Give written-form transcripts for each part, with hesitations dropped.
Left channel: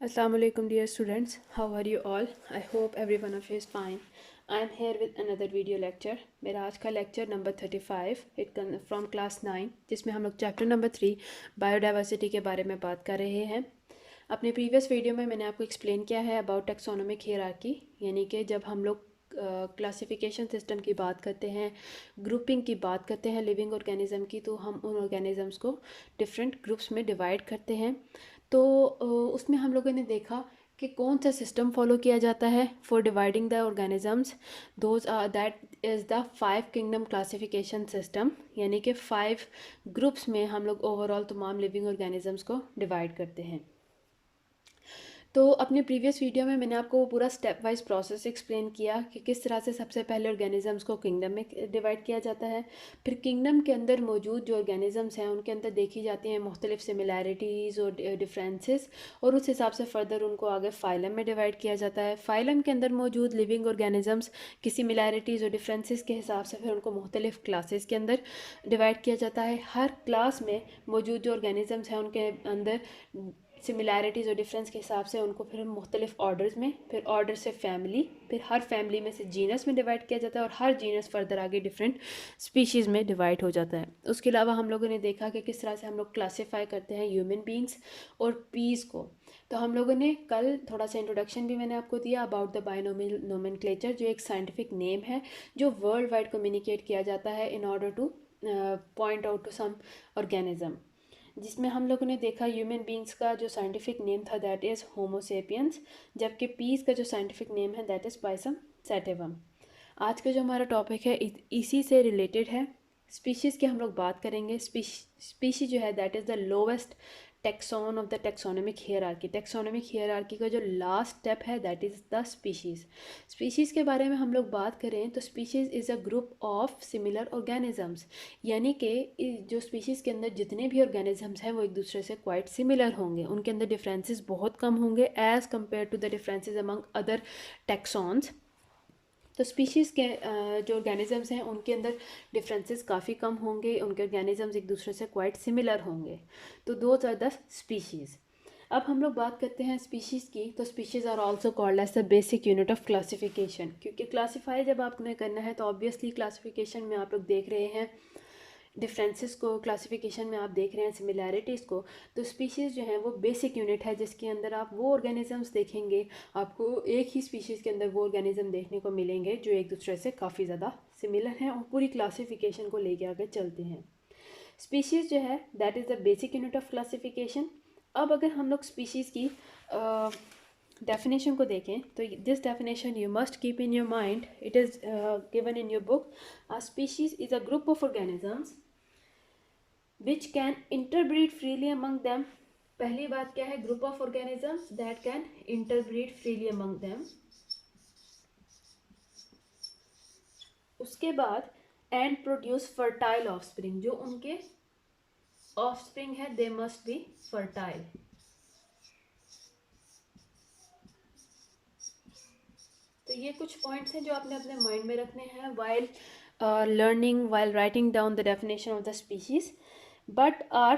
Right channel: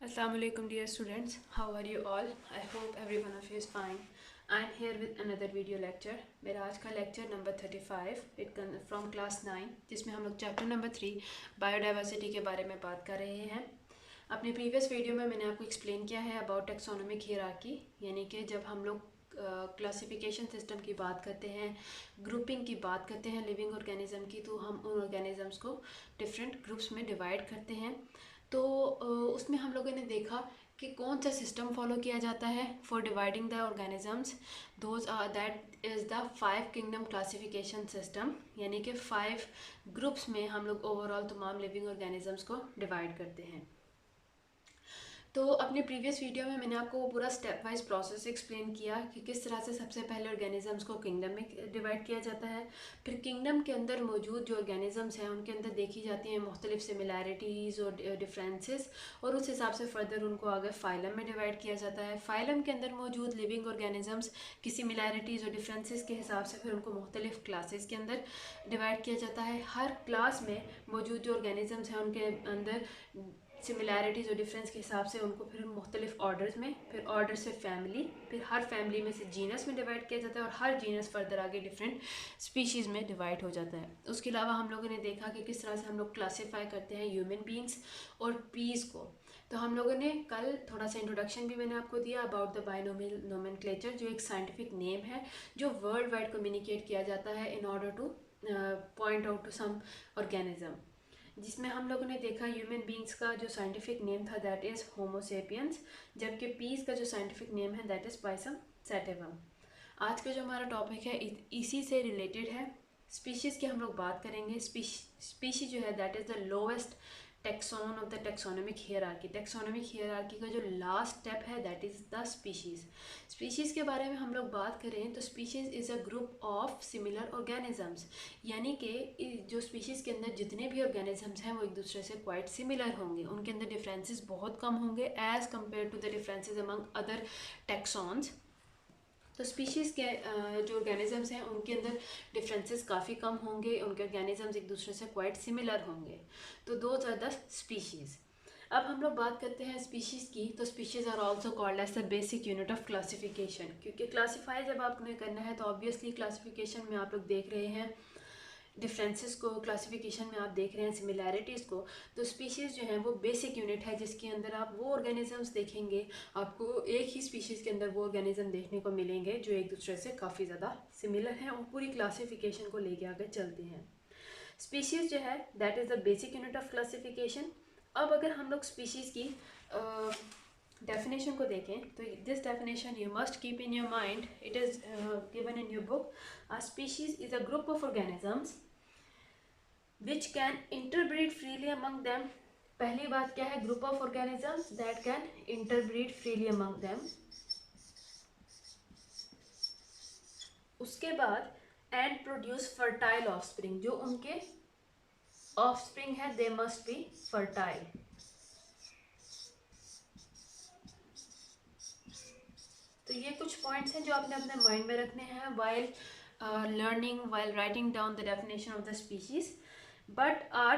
Assalamu alaikum dear students, how are you all? I hope every one of you is fine. I am here with another video lecture. मेरा आज का lecture number 35 it from class 9 जिसमें हम लोग chapter number 3 biodiversity के बारे में बात कर रहे हैं. अपने previous video में मैंने आपको explain किया है about taxonomic hierarchy, यानी कि जब हम लोग क्लासिफिकेशन सिस्टम की बात करते हैं, ग्रुपिंग की बात करते हैं लिविंग ऑर्गेनिज्म की, तो हम उन ऑर्गेनिजम्स को डिफरेंट ग्रुप्स में डिवाइड करते हैं. तो उसमें हम लोगों ने देखा कि कौन सा सिस्टम फॉलो किया जाता है for dividing the organisms. Those are that is the 5 kingdom classification system, यानी कि 5 ग्रुप्स में हम लोग ओवरऑल तमाम लिविंग ऑर्गेनिजम्स को डिवाइड करते हैं. तो अपने प्रीवियस वीडियो में मैंने आपको पूरा स्टेप वाइज प्रोसेस एक्सप्लेन किया कि किस तरह से सबसे पहले ऑर्गेनिजम्स को किंगडम में डिवाइड किया जाता है. फिर किंगडम के अंदर मौजूद जो ऑर्गेनिजम्स हैं उनके अंदर देखी जाती हैं मुख्तलिफ सिमिलैरिटीज़ और डिफरेंसेस, और उस हिसाब से फ़र्दर उनको आगे फाइलम में डिवाइड किया जाता है. फाइलम के अंदर मौजूद लिविंग ऑर्गेनिजम्स की सिमिलैरिटीज़ और डिफरेंसेस के हिसाब से फिर उनको मुख्तलिफ क्लासेस के अंदर डिवाइड किया जाता है. हर क्लास में मौजूद जो ऑर्गेनिजम्स हैं उनके अंदर सिमिलैरिटीज़ और डिफरेंस के हिसाब से उनको फिर मुख्तलिफ ऑर्डर्स में, फिर ऑर्डर से फैमिली, फिर हर फैमिली में से जीनस में डिवाइड किया जाता है, और हर जीनस फर्दर आगे डिफरेंट स्पीशीज़ में डिवाइड हो जाता है. उसके अलावा हम लोगों ने देखा कि किस तरह से हम लोग क्लासीफाई करते हैं ह्यूमन बींग्स और पीस को. तो हम लोगों ने कल थोड़ा सा इंट्रोडक्शन भी मैंने आपको दिया अबाउट द बाइनोमियल नोमेनक्लेचर, जो एक साइंटिफिक नेम है जो वर्ल्ड वाइड कम्युनिकेट किया जाता है in order to point out to some organism. जिसमें हम लोगों ने देखा ह्यूमन बींग्स का जो साइंटिफिक नेम था दैट इज़ होमो सेपियंस, जबकि पीस का जो साइंटिफिक नेम है दैट इज़ पाइसम सैटिवम. आज का जो हमारा टॉपिक है इसी से रिलेटेड है. स्पीशीज़ की हम लोग बात करेंगे. स्पीशी जो है that is the lowest taxon of the taxonomic hierarchy. Taxonomic hierarchy का जो लास्ट स्टेप है that is the species. Species के बारे में हम लोग बात करें तो species is a group of similar organisms, यानी कि जो स्पीशीज़ के अंदर जितने भी ऑर्गेनिजम्स हैं वो एक दूसरे से क्वाइट सिमिलर होंगे. उनके अंदर डिफरेंसेस बहुत कम होंगे as compared to the differences among other taxons. तो स्पीशीज़ के जो ऑर्गेनिजम्स हैं उनके अंदर डिफरेंसेस काफ़ी कम होंगे, उनके ऑर्गेनिजम्स एक दूसरे से क्वाइट सिमिलर होंगे. तो दोज आर द स्पीशीज़. अब हम लोग बात करते हैं स्पीशीज़ की. तो species are also called as the basic unit of classification, क्योंकि क्लासीफाई जब आपने करना है तो ऑब्वियसली क्लासिफिकेशन में आप लोग देख रहे हैं डिफरेंसेस को, क्लासिफिकेशन में आप देख रहे हैं सिमिलैरिटीज़ को. तो स्पीशीज़ जो है वो बेसिक यूनिट है जिसके अंदर आप वो ऑर्गेनिजम्स देखेंगे, आपको एक ही स्पीशीज़ के अंदर वो ऑर्गेनिज्म देखने को मिलेंगे जो एक दूसरे से काफ़ी ज़्यादा सिमिलर हैं और पूरी क्लासिफिकेशन को लेके आगे चलते हैं. स्पीशीज़ जो है that is the basic unit of classification. अब अगर हम लोग स्पीशीज़ की डेफिनेशन को देखें तो this definition you must keep in your mind. It is given in your book. A species is a group of organisms which can interbreed freely among them. पहली बात क्या है? Group of organisms that can interbreed freely among them. उसके बाद and produce fertile offspring. जो उनके offspring है दे must be fertile. तो ये कुछ पॉइंट्स हैं जो आपने अपने माइंड में रखने हैं while learning, while writing down the definition of the species. But are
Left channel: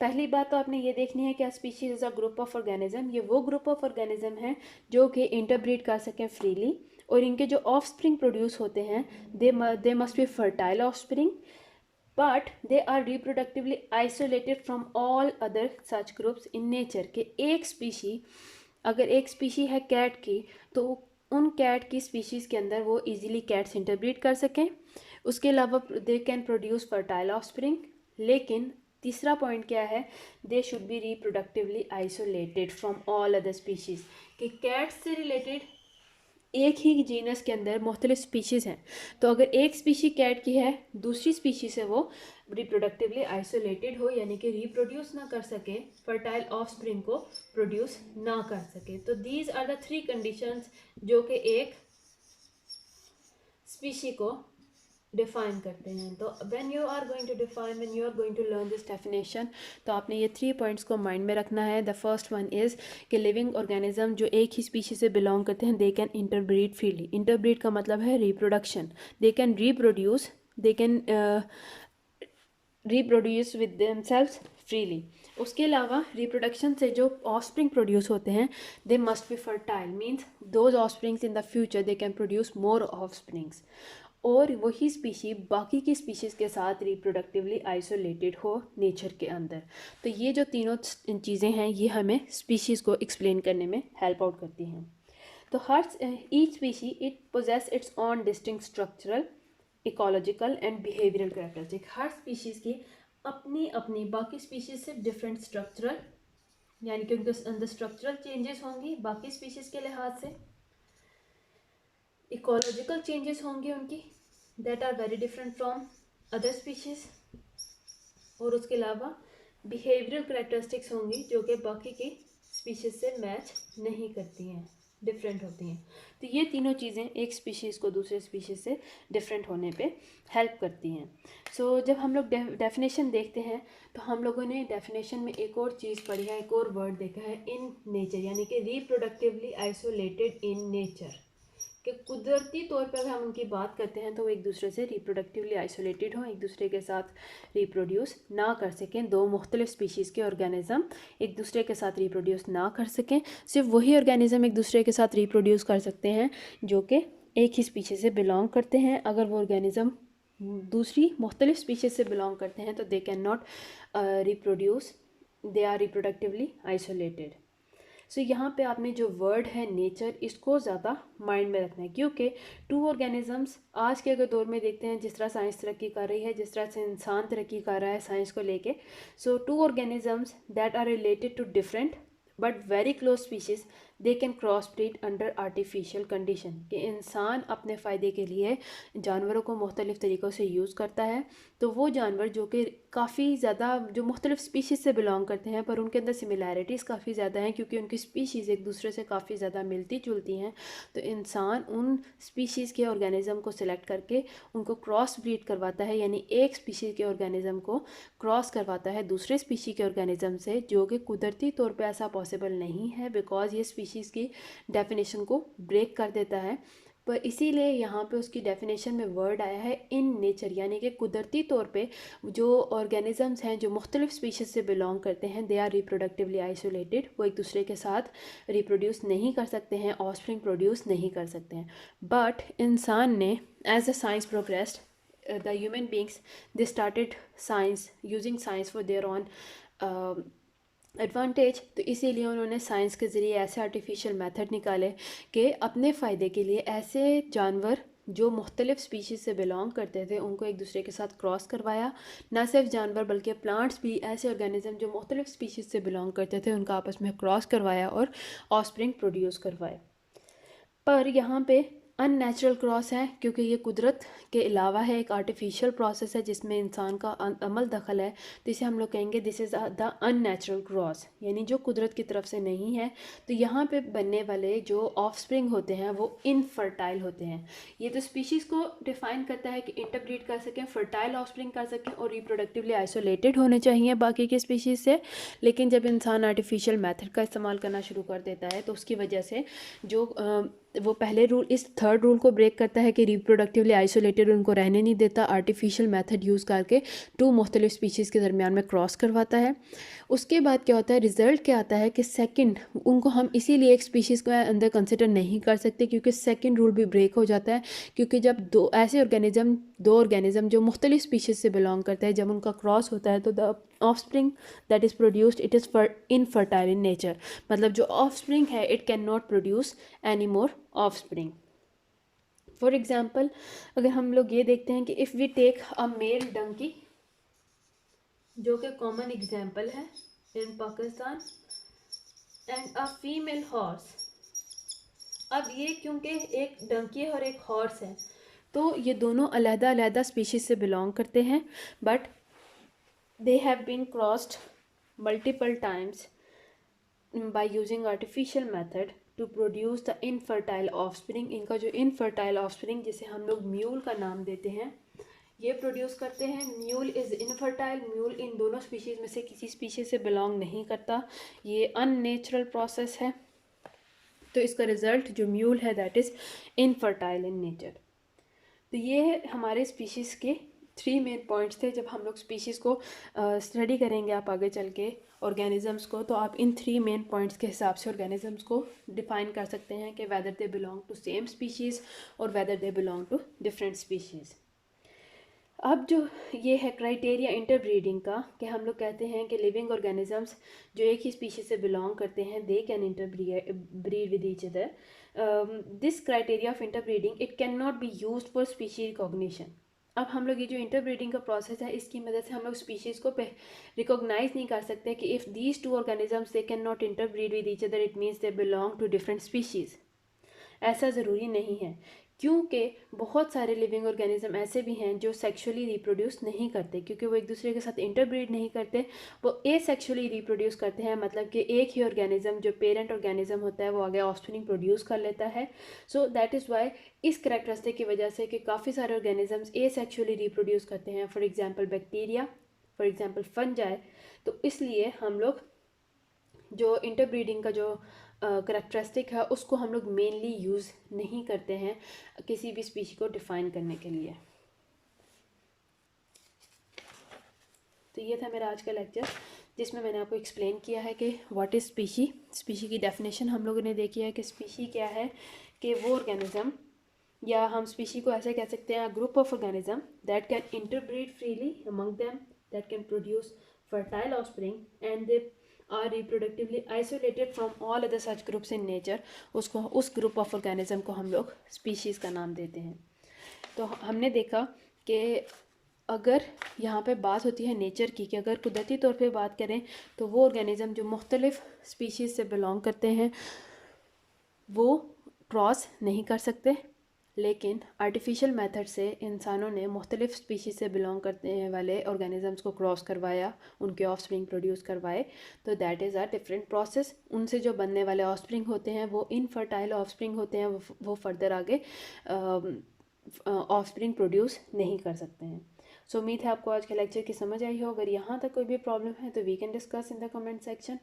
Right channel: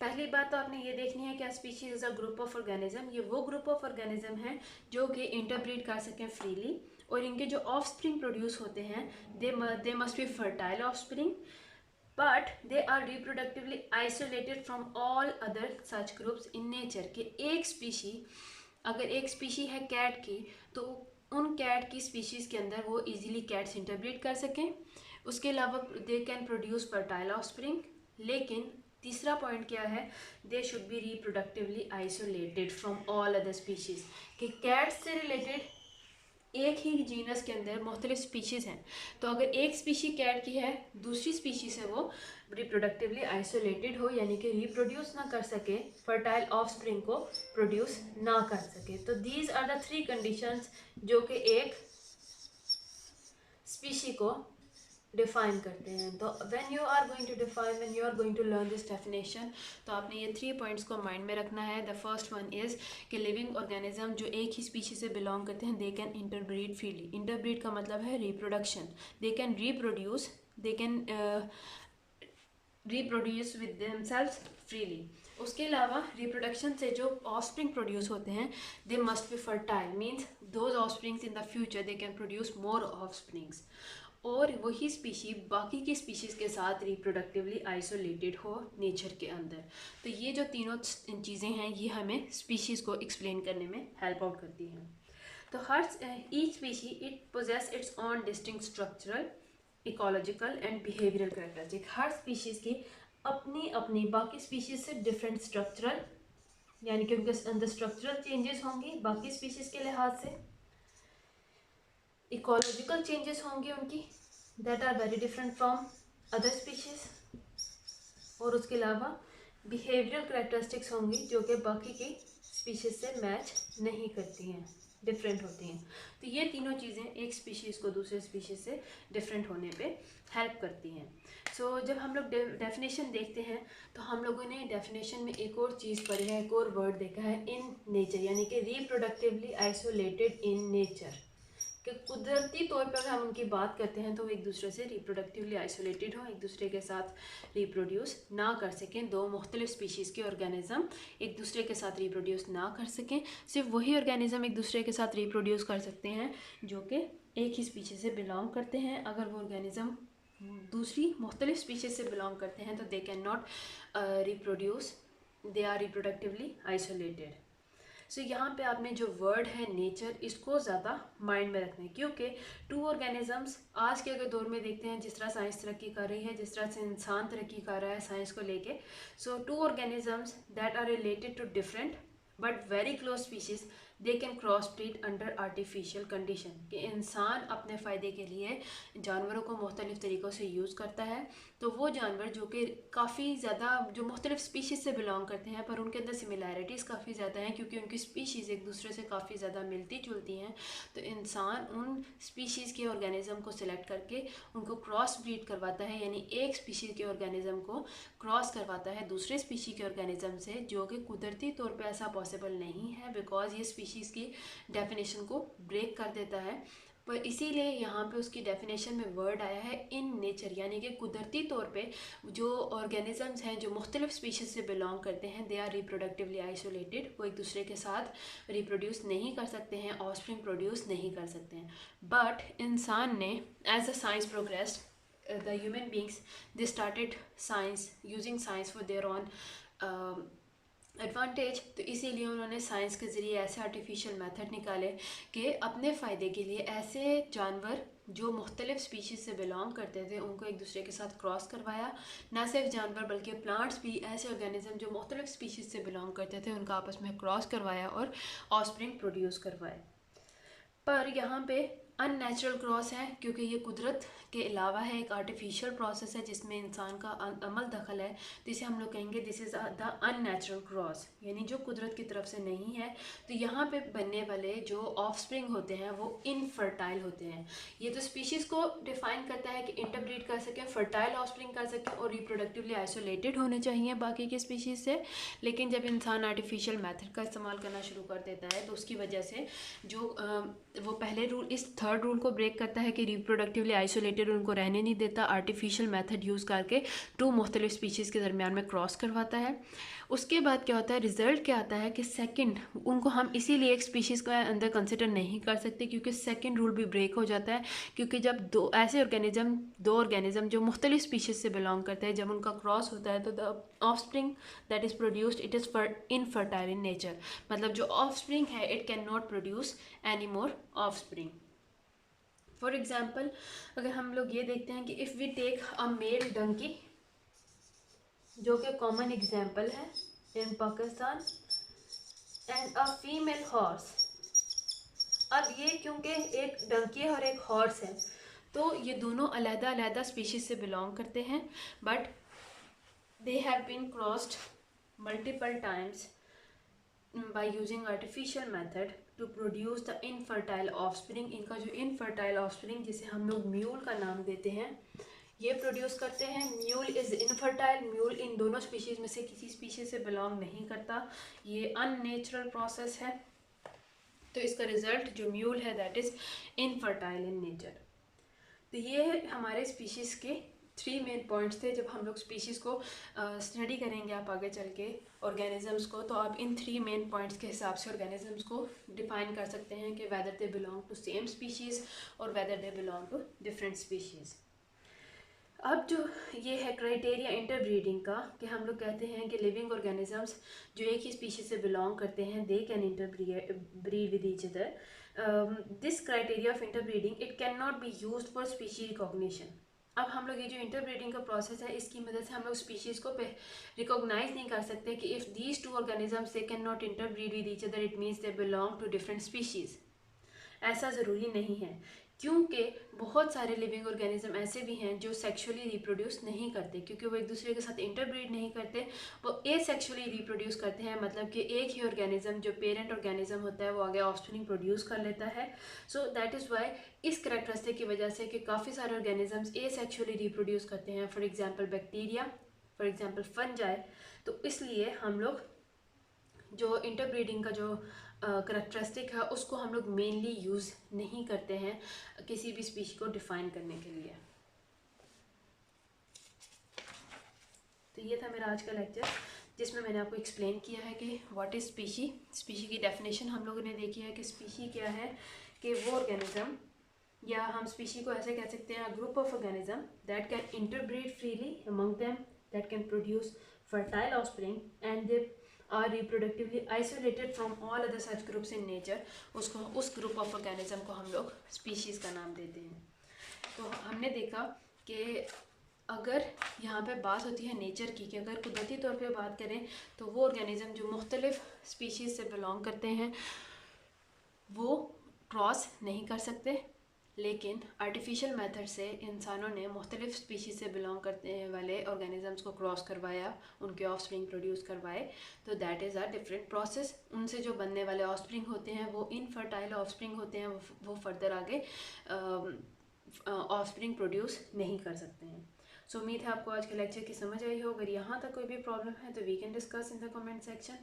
पहली बात तो आपने ये देखनी है कि species is a group of organism. ये वो ग्रुप ऑफ ऑर्गेनिज्म हैं जो कि इंटरब्रीड कर सकें फ्रीली, और इनके जो ऑफ स्प्रिंग प्रोड्यूस होते हैं they must be fertile offspring, but they are reproductively isolated from all other such groups in nature. के एक स्पीशी, अगर एक स्पीशी है कैट की, तो उन कैट की स्पीशीज़ के अंदर वो इजीली कैट्स इंटरब्रीड कर सकें. उसके अलावा they can produce fertile of spring. लेकिन तीसरा पॉइंट क्या है? They should be reproductively isolated from all other species. कि कैट्स से रिलेटेड एक ही जीनस के अंदर मुख्तलिफ स्पीशीज़ हैं, तो अगर एक स्पीशी कैट की है दूसरी स्पीशी से वो रिप्रोडक्टिवली आइसोलेटेड हो, यानी कि रिप्रोड्यूस ना कर सके, फर्टाइल ऑफ स्प्रिंग को प्रोड्यूस ना कर सके. तो दीज आर द 3 कंडीशंस जो कि एक स्पीशी को डिफाइन करते हैं. तो when you are going to define, when you are going to learn this definition, तो आपने ये 3 पॉइंट्स को माइंड में रखना है. द फर्स्ट वन इज़ कि लिविंग ऑर्गेनिज्म जो एक ही स्पीशी से बिलोंग करते हैं they can interbreed freely. Interbreed का मतलब है reproduction. They can reproduce, they can reproduce with themselves freely. उसके अलावा रिप्रोडक्शन से जो ऑफस्प्रिंग प्रोड्यूस होते हैं they must be fertile, means those offsprings in the future they can produce more offsprings, और वही स्पीशी बाकी की स्पीशीज़ के साथ रिप्रोडक्टिवली आइसोलेटेड हो नेचर के अंदर। तो ये जो तीनों चीज़ें हैं ये हमें स्पीशीज़ को एक्सप्लेन करने में हेल्प आउट करती हैं। तो हर each species it possesses its own distinct structural, ecological and behavioural characteristic. हर स्पीशीज़ की अपनी अपनी बाकी स्पीशीज़ से डिफरेंट स्ट्रक्चरल, यानी कि उनके अंदर स्ट्रक्चरल चेंजेस होंगे बाकी स्पीशीज़ के लिहाज से, इकोलॉजिकल चेंजेस होंगे उनकी that are very different from other species, और उसके अलावा बिहेवियरल कैरेक्टरिस्टिक्स होंगी जो कि बाकी की स्पीशीज़ से मैच नहीं करती हैं, डिफरेंट होती हैं। तो ये तीनों चीज़ें एक स्पीशीज़ को दूसरे स्पीशीज़ से डिफरेंट होने पे हेल्प करती हैं। सो जब हम लोग डेफिनेशन देखते हैं तो हम लोगों ने डेफिनेशन में एक और चीज़ पढ़ी है, एक और वर्ड देखा है, इन नेचर, यानी कि रिप्रोडक्टिवली आइसोलेटेड इन नेचर, कि कुदरती तौर पर हम उनकी बात करते हैं तो वो एक दूसरे से रिप्रोडक्टिवली आइसोलेटेड हों, एक दूसरे के साथ रिप्रोड्यूस ना कर सकें। दो मुख्तलिफ स्पीशीज़ के ऑर्गेनिज़म एक दूसरे के साथ रिप्रोड्यूस ना कर सकें, सिर्फ वही ऑर्गेनिज़म एक दूसरे के साथ रिप्रोड्यूस कर सकते हैं जो कि एक ही स्पीशीज़ से बिलोंग करते हैं। अगर वो ऑर्गेनिज़म दूसरी मुख्तलिफ स्पीशीज़ से बिलोंग करते हैं तो they can not reproduce, they are reproductively isolated. So यहाँ पे आपने जो वर्ड है नेचर, इसको ज़्यादा माइंड में रखना है, क्योंकि टू ऑर्गेनिजम्स आज के अगर दौर में देखते हैं जिस तरह साइंस तरक्की कर रही है, जिस तरह से इंसान तरक्की कर रहा है साइंस को लेके, so two organisms that are related to different but very close species they can cross breed under artificial condition, कि इंसान अपने फ़ायदे के लिए जानवरों को मुख्तलिफ़ तरीक़ों से यूज़ करता है। तो वो जानवर जो कि काफ़ी ज़्यादा जो मुख्तलिफ़ स्पीशीज़ से बिलोंग करते हैं पर उनके अंदर सिमिलैरिटीज़ काफ़ी ज़्यादा हैं क्योंकि उनकी स्पीशीज़ एक दूसरे से काफ़ी ज़्यादा मिलती जुलती हैं, तो इंसान उन स्पीशीज़ के ऑर्गेनिज़म को सिलेक्ट करके उनको क्रॉस ब्रीड करवाता है, यानी एक स्पीशीज़ के ऑर्गेनिज़म को क्रॉस करवाता है दूसरे स्पीशी के ऑर्गेनिज़म से, जो कि कुदरती तौर पे ऐसा पॉसिबल नहीं है बिकॉज ये स्पीशीज़ की डेफिनेशन को ब्रेक कर देता है। पर इसीलिए यहाँ पे उसकी डेफिनेशन में वर्ड आया है इन नेचर, यानी कि कुदरती तौर पे जो ऑर्गेनिजम्स हैं जो मुख्तलिफ स्पीशीज़ से बिलोंग करते हैं दे आर रिप्रोडक्टिवली आइसोलेटेड, वो एक दूसरे के साथ रिप्रोड्यूस नहीं कर सकते हैं, ऑफस्प्रिंग प्रोड्यूस नहीं कर सकते हैं। बट इंसान ने as a science progressed, the human beings they started science, using science for their own advantage. तो इसीलिए उन्होंने साइंस के ज़रिए ऐसे आर्टिफिशियल मेथड निकाले कि अपने फ़ायदे के लिए ऐसे जानवर जो मुख्तलिफ स्पीशीज़ से बिलोंग करते थे उनको एक दूसरे के साथ क्रॉस करवाया। ना सिर्फ जानवर बल्कि प्लांट्स भी, ऐसे ऑर्गेनिज्म जो मुख्तलिफ स्पीशीज़ से बिलोंग करते थे उनका आपस में क्रॉस करवाया और ऑफस्प्रिंग प्रोड्यूस करवाए। पर यहाँ पे अननेचुरल क्रॉस है क्योंकि ये कुदरत के अलावा है, एक आर्टिफिशियल प्रोसेस है जिसमें इंसान का अमल दखल है, तो इसे हम लोग कहेंगे this is the unnatural cross, यानी जो कुदरत की तरफ से नहीं है। तो यहाँ पे बनने वाले जो ऑफस्प्रिंग होते हैं वो इनफर्टाइल होते हैं। ये तो स्पीशीज़ को डिफाइन करता है कि इंटरब्रीड कर सकें, फर्टाइल ऑफस्प्रिंग कर सकें और रिप्रोडक्टिवली आइसोलेटेड होने चाहिए बाकी के स्पीशीज़ से। लेकिन जब इंसान आर्टिफिशियल मेथड का इस्तेमाल करना शुरू कर देता है तो उसकी वजह से जो वो पहले रूल, इस थर्ड रूल को ब्रेक करता है कि रिप्रोडक्टिवली आइसोलेटेड उनको रहने नहीं देता, आर्टिफिशियल मेथड यूज़ करके टू मुख्तलिफ स्पीशीज़ के दरमियान में क्रॉस करवाता है। उसके बाद क्या होता है, रिज़ल्ट क्या आता है कि सेकंड उनको हम इसीलिए एक स्पीशीज़ के अंदर कंसिडर नहीं कर सकते क्योंकि सेकंड रूल भी ब्रेक हो जाता है, क्योंकि जब दो ऑर्गेनिज़म जो मुख्तलिफ स्पीशीज़ से बिलोंग करते हैं जब उनका क्रॉस होता है तो the offspring that is produced it is infertile in nature, मतलब जो ऑफस्प्रिंग है it can not produce any more offspring. For example अगर हम लोग ये देखते हैं कि if we take a male donkey जो कि कॉमन एग्जाम्पल है in Pakistan, and a female horse. अब ये क्योंकि एक डंकी है और एक हॉर्स है तो ये दोनों अलहदा अलहदा स्पीशीज़ से बिलोंग करते हैं, but they have been crossed multiple times by using artificial method to produce the infertile offspring. इनका जो इनफर्टाइल ऑफस्प्रिंग जिसे हम लोग म्यूल का नाम देते हैं ये प्रोड्यूस करते हैं। म्यूल इज़ इनफर्टाइल, म्यूल इन दोनों स्पीशीज़ में से किसी स्पीशीज़ से बिलोंग नहीं करता, ये अननेचुरल प्रोसेस है। तो इसका रिज़ल्ट जो म्यूल है that is infertile in nature. तो ये हमारे स्पीशीज़ के 3 मेन पॉइंट्स थे। जब हम लोग स्पीशीज़ को स्टडी करेंगे आप आगे चल के ऑर्गेनिजम्स को, तो आप इन 3 मेन पॉइंट्स के हिसाब से ऑर्गेनिजम्स को डिफाइन कर सकते हैं कि whether they belong to same species और whether they belong to different species. अब जो ये है क्राइटेरिया इंटरब्रीडिंग का, कि हम लोग कहते हैं कि लिविंग ऑर्गेनिजम्स जो एक ही स्पीशीज से बिलोंग करते हैं they can interbreed with each other. This criteria of interbreeding it can not be used for species recognition. अब हम लोग ये जो इंटरब्रीडिंग का प्रोसेस है इसकी मदद से हम लोग स्पीशीज़ को रिकॉग्नाइज नहीं कर सकते कि if these two organisms they can not interbreed with each other it means they belong to different species. ऐसा ज़रूरी नहीं है, क्योंकि बहुत सारे लिविंग ऑर्गेनिज्म ऐसे भी हैं जो सेक्सुअली रिप्रोड्यूस नहीं करते, क्योंकि वो एक दूसरे के साथ इंटरब्रीड नहीं करते, वो एसेक्सुअली रिप्रोड्यूस करते हैं। मतलब कि एक ही ऑर्गेनिज्म जो पेरेंट ऑर्गेनिज्म होता है वो आगे ऑफस्प्रिंग प्रोड्यूस कर लेता है। सो दैट इज़ वाई इस करैक्टरिस्टिक की वजह से कि काफ़ी सारे ऑर्गेनिजम्स एसेक्सुअली रिप्रोड्यूस करते हैं, for example bacteria, for example fungi. तो इसलिए हम लोग जो इंटरब्रीडिंग का जो करैक्टरिस्टिक है उसको हम लोग मेनली यूज़ नहीं करते हैं किसी भी स्पीशी को डिफ़ाइन करने के लिए। तो ये था मेरा आज का लेक्चर, जिसमें मैंने आपको एक्सप्लेन किया है कि व्हाट इज़ स्पीशी। स्पीशी की डेफिनेशन हम लोगों ने देखी है कि स्पीशी क्या है, कि वो ऑर्गेनिज्म, या हम स्पीशी को ऐसे कह सकते हैं group of organism that can interbreed freely among them, that can produce fertile offspring and they are reproductively isolated from all other such groups in nature. उसको, उस ग्रुप ऑफ ऑर्गेनिज्म को हम लोग स्पीशीज़ का नाम देते हैं। तो हमने देखा कि अगर यहाँ पे बात होती है नेचर की, कि अगर कुदरती तौर पे बात करें तो वो ऑर्गेनिज्म जो मुख्तलिफ स्पीशीज़ से बिलोंग करते हैं वो क्रॉस नहीं कर सकते, लेकिन आर्टिफिशियल मेथड से इंसानों ने मुख्तलिफ स्पीशीज़ से बिलोंग करने वाले ऑर्गेनिजम्स को क्रॉस करवाया, उनके ऑफस्प्रिंग प्रोड्यूस करवाए। तो that is a different process. उनसे जो बनने वाले ऑफस्प्रिंग होते हैं वो इनफर्टाइल ऑफस्प्रिंग होते हैं, वो फर्दर आगे ऑफस्प्रिंग प्रोड्यूस नहीं कर सकते हैं। सो उम्मीद है आपको आज के लेक्चर की समझ आई हो। अगर यहाँ तक कोई भी प्रॉब्लम है तो we can discuss in the comment section.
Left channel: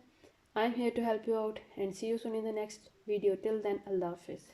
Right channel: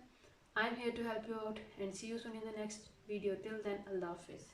I am here to help you out and see you soon in the next video. Till then, अल्लाह हाफिज़।